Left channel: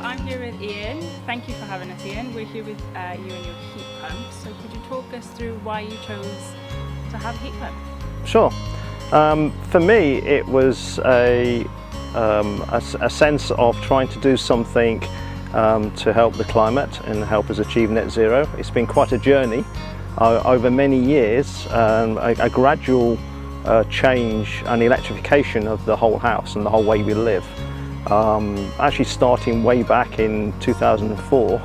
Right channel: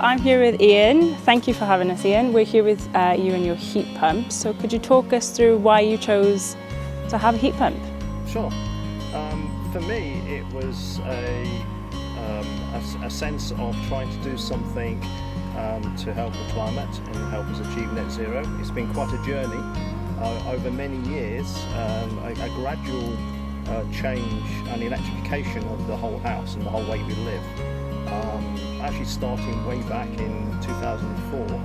I'm here with Ian. Thank you for having us, Ian. We're here with you and your heat pump. So could you talk us through why you chose to have a heat pump? Sure. For me, it was a sense of trying to do something to help the climate and help us achieve net zero. It's been quite a journey over many years, a gradual change and electrification of the whole house and the whole way we live. Actually starting way back in 2004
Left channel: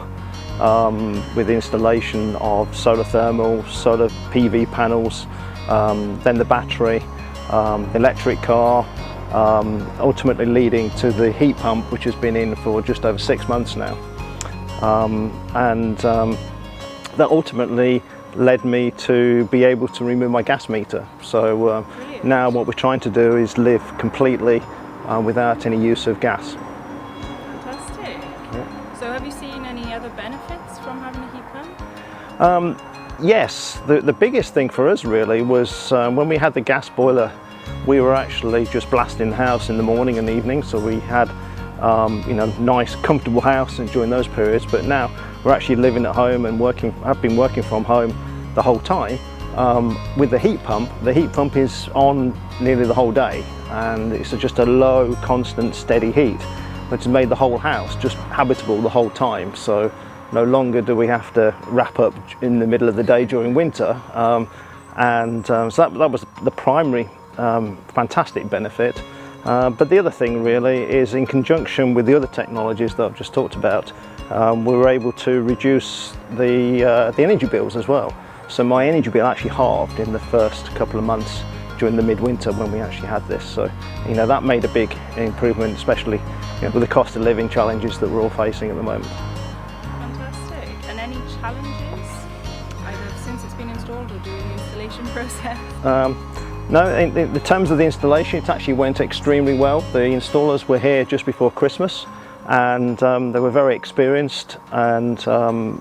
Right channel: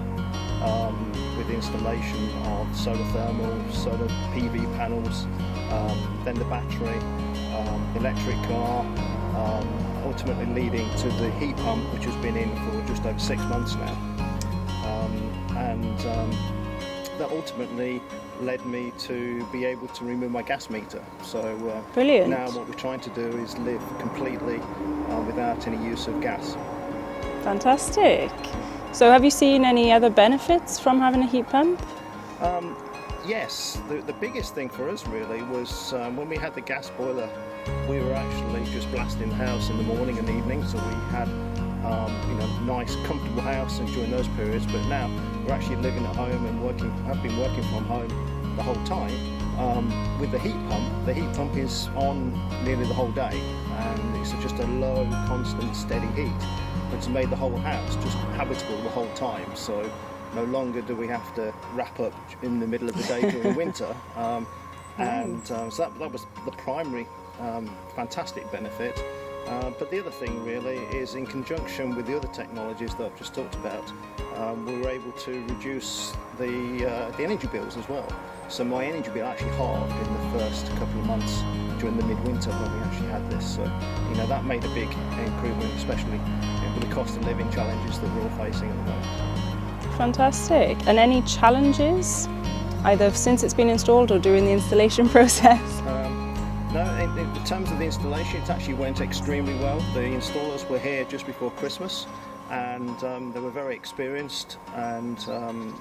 with the installation of solar thermal, solar PV panels, then the battery, electric car, ultimately leading to the heat pump, which has been in for just over 6 months now. That ultimately led me to be able to remove my gas meter. So now what we're trying to do is live completely without any use of gas. Fantastic. Yeah. So have you seen any other benefits from having a heat pump? Yes, the biggest thing for us really was when we had the gas boiler, we were actually just blasting the house in the morning and evening, so we had nice comfortable house during those periods, but now we're actually living at home and I've been working from home the whole time. With the heat pump is on nearly the whole day, and it's just a low, constant, steady heat, which has made the whole house just habitable the whole time. So no longer do we have to wrap up in the middle of the day during winter. So that was the primary fantastic benefit. But the other thing really is, in conjunction with the other technologies that I've just talked about, we were able to reduce the energy bills as well. So my energy bill actually halved in the first couple of months during the midwinter when we actually had this. So that made a big improvement, especially with the cost of living challenges that we're all facing at the moment. Fantastic. And any challenges, either since it's been installed or during the installation process? No, in terms of the installation, it actually went extremely well. The installers were here just before Christmas, and they were very experienced and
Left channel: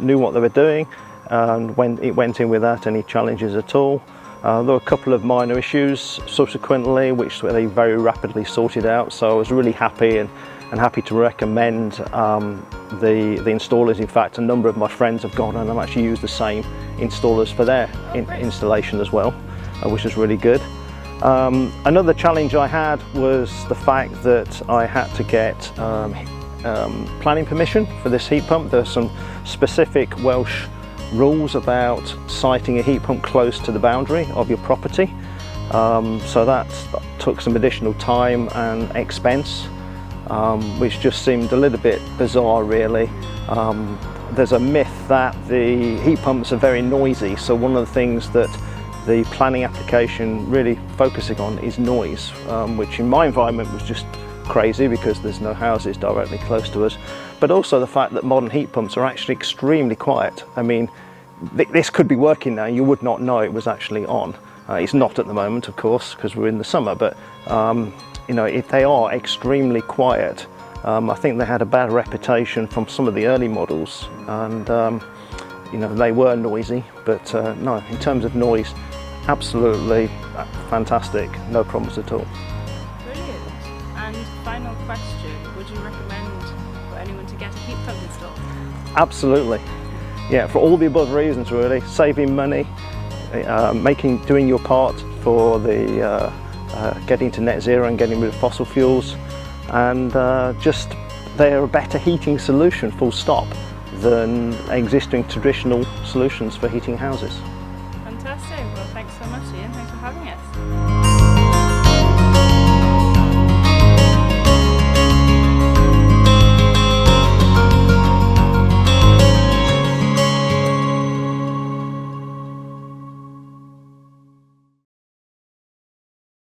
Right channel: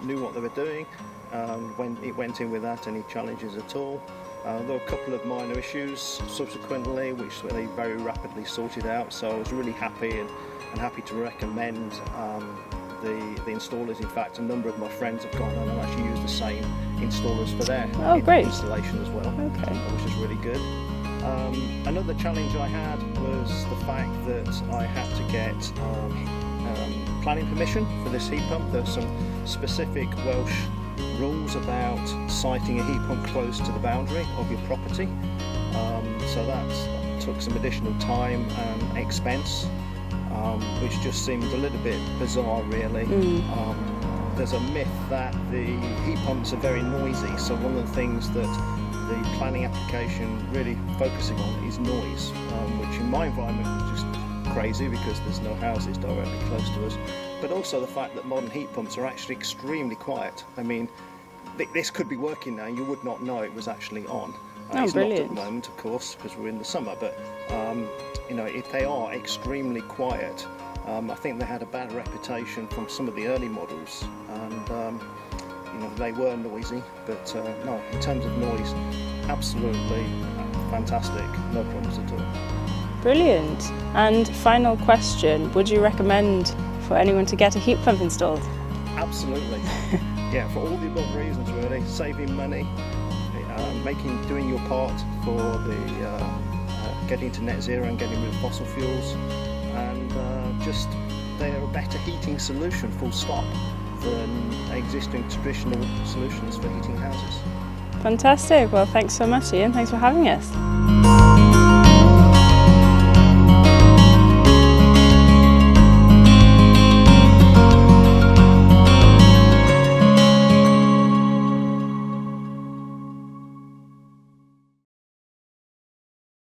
knew what they were doing, and it went in without any challenges at all. There were a couple of minor issues subsequently, which they very rapidly sorted out, so I was really happy and happy to recommend the installers. In fact, a number of my friends have gone and have actually used the same installers for their installation as well, which is really good. Another challenge I had was the fact that I had to get planning permission for this heat pump. There's some specific Welsh rules about siting a heat pump close to the boundary of your property. So that took some additional time and expense, which just seemed a little bit bizarre really. There's a myth that the heat pumps are very noisy, so one of the things that the planning application really focusing on is noise, which in my environment was just crazy because there's no houses directly close to us, but also the fact that modern heat pumps are actually extremely quiet. I mean, this could be working now, you would not know it was actually on. It's not at the moment, of course, because we're in the summer, but if they are extremely quiet, I think they had a bad reputation from some of the early models, and they were noisy, but no, in terms of noise, absolutely fantastic, no problems at all. Brilliant. And final question, would you recommend for anyone to get a heat pump installed? Absolutely. Yeah, for all the above reasons really. Saving money, doing your part for the getting to net zero and getting rid of fossil fuels, and just they're a better heating solution, full stop, than existing traditional solutions for heating houses. Fantastic. Well, thanks so much, Ian. Thanks for having us.